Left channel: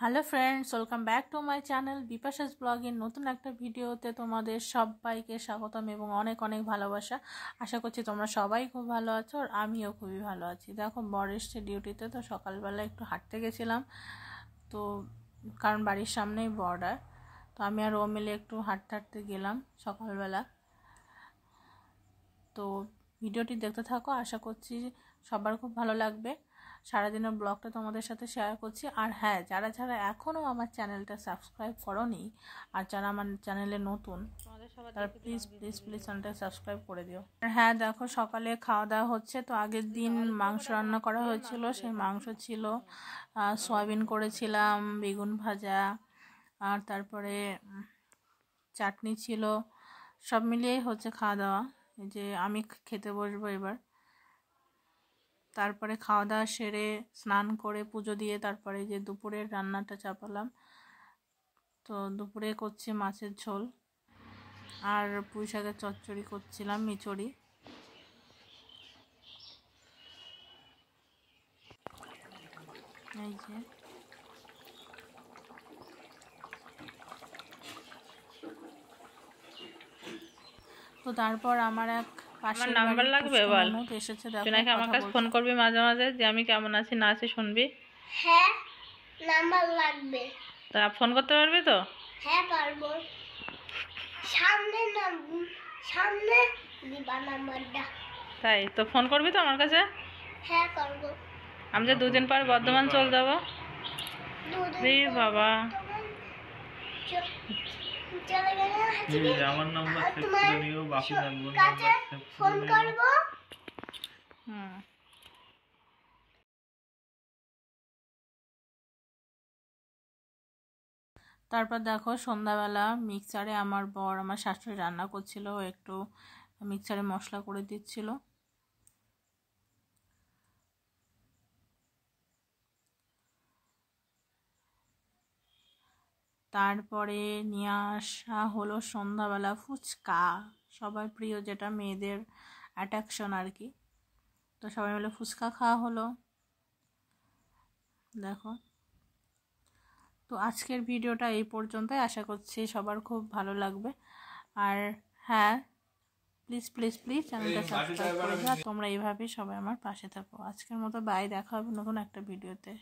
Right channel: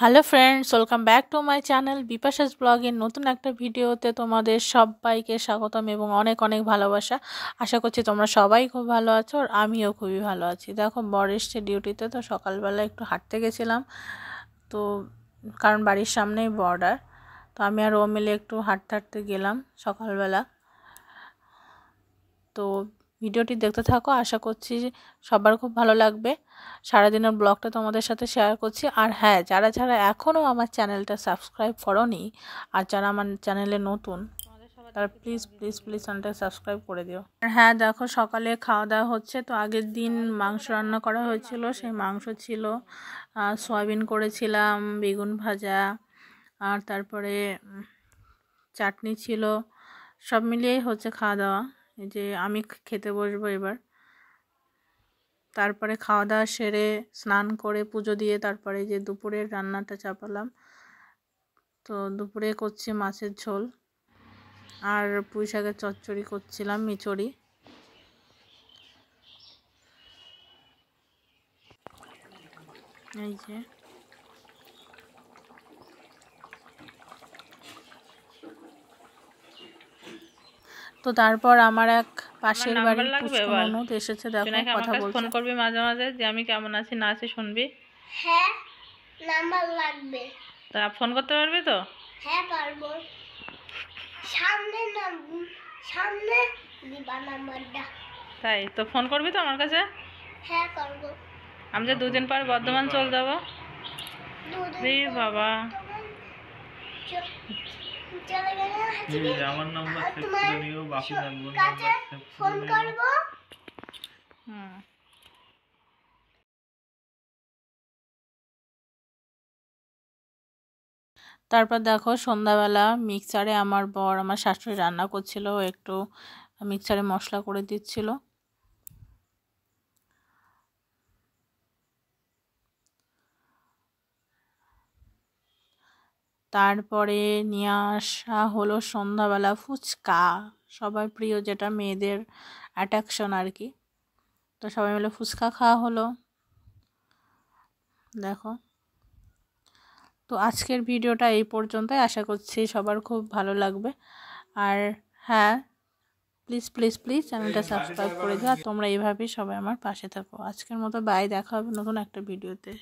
Hello friends, welcome back to my channel Bipasha's ব্লগের নতুন একটা ভিডিওতে তোমাদের সবাইকে স্বাগতম এবং অনেক অনেক ভালোবাসা। আশা করছি তোমরা সবাই খুব ভালো আছো আর আমিও খুবই ভালো আছি। দেখো বর এসছে ডিউটিতে, তো সকালবেলা একটু হাঁটতে গেছিলাম, তো কারণ বাড়ির সামনেই বর্ডার, তো আমি আর ও মিলে একটু হাঁটতে হাঁটতে গেলাম সকালবেলা। তো ভিডিওটি দেখতে থাকো, আশা করছি সবার খুব ভালো লাগবে। সারাদিনের ব্লগটা তোমাদের সাথে শেয়ার করছি। আর হ্যাঁ, যারা যারা এখনও আমার চ্যানেলটা সাবস্ক্রাইব করোনি আর যারা আমার চ্যানেলে নতুন, তারা প্লিজ প্লিজ প্লিজ চ্যানেলটা সাবস্ক্রাইব করে দিও। আর হ্যাঁ, দেখো সকালে খাওয়া দাওয়া হচ্ছে। তো আগের দিন মাংস রান্না করা হয়েছিল, সেই মাংস ছিল, সয়াবিন করেছিলাম, বেগুন ভাজা, আর তারপরে চাটনি ছিল, সব মিলিয়েই হচ্ছে খাওয়া দাওয়া। এই যে আমি খেতে বসবো এবার। তারপরে খাওয়া দাওয়া সেরে স্নান করে পুজো দিয়ে তারপরে যে দুপুরের রান্নাটা চাপালাম। তো দুপুরে করছি মাছের ঝোল আর পুঁই শাকের চচ্চড়ি করছিলাম, মিচড়ি। এই যে তো তারপর আমার এক পাশের নাম্বার লাগবে, বল ননদ এসেছে, দেখো নাকি আমার কাছে ফোন করবি মাঝে মাঝে যে আমি কেমন আছি না আছি শুনবি। হ্যাঁ, নাম্বার লাগবে। তা ফোন করতে পারবি তো? হ্যাঁ পারবো। সামনে দিবা নাম্বারটা। তাই তো ফোন করবি তো আমার কাছে? হ্যাঁ করবো। আমি যে দুদিন পর বর্ধমান চলে যাবো। বাবা চলে গেলে আমার নাম্বার সেভ করে নিও, বাকি নাম্বার ফোন করবো। তারপর দেখো সন্ধ্যাবেলা মিক্সারে আমার বর আমার শাশুড়ি রান্না করছিল, একটু মিক্সারে মশলা করে দিচ্ছিল। তারপরে নিয়ে আসা হলো সন্ধ্যাবেলা ফুচকা, সবার প্রিয়, যেটা মেয়েদের অ্যাট্রাকশন আর কি। তো সবাই মিলে ফুচকা খাওয়া হলো। দেখো, তো আজকের ভিডিওটা এই পর্যন্তই। আশা করছি সবার খুব ভালো লাগবে। আর হ্যাঁ, প্লিজ প্লিজ প্লিজ চ্যানেলটা সাবস্ক্রাইব করে দিও। আর তোমরা এইভাবেই সবাই আমার পাশে থাকো। আজকের মতো বাই, দেখা হবে নতুন একটা ভিডিওতে।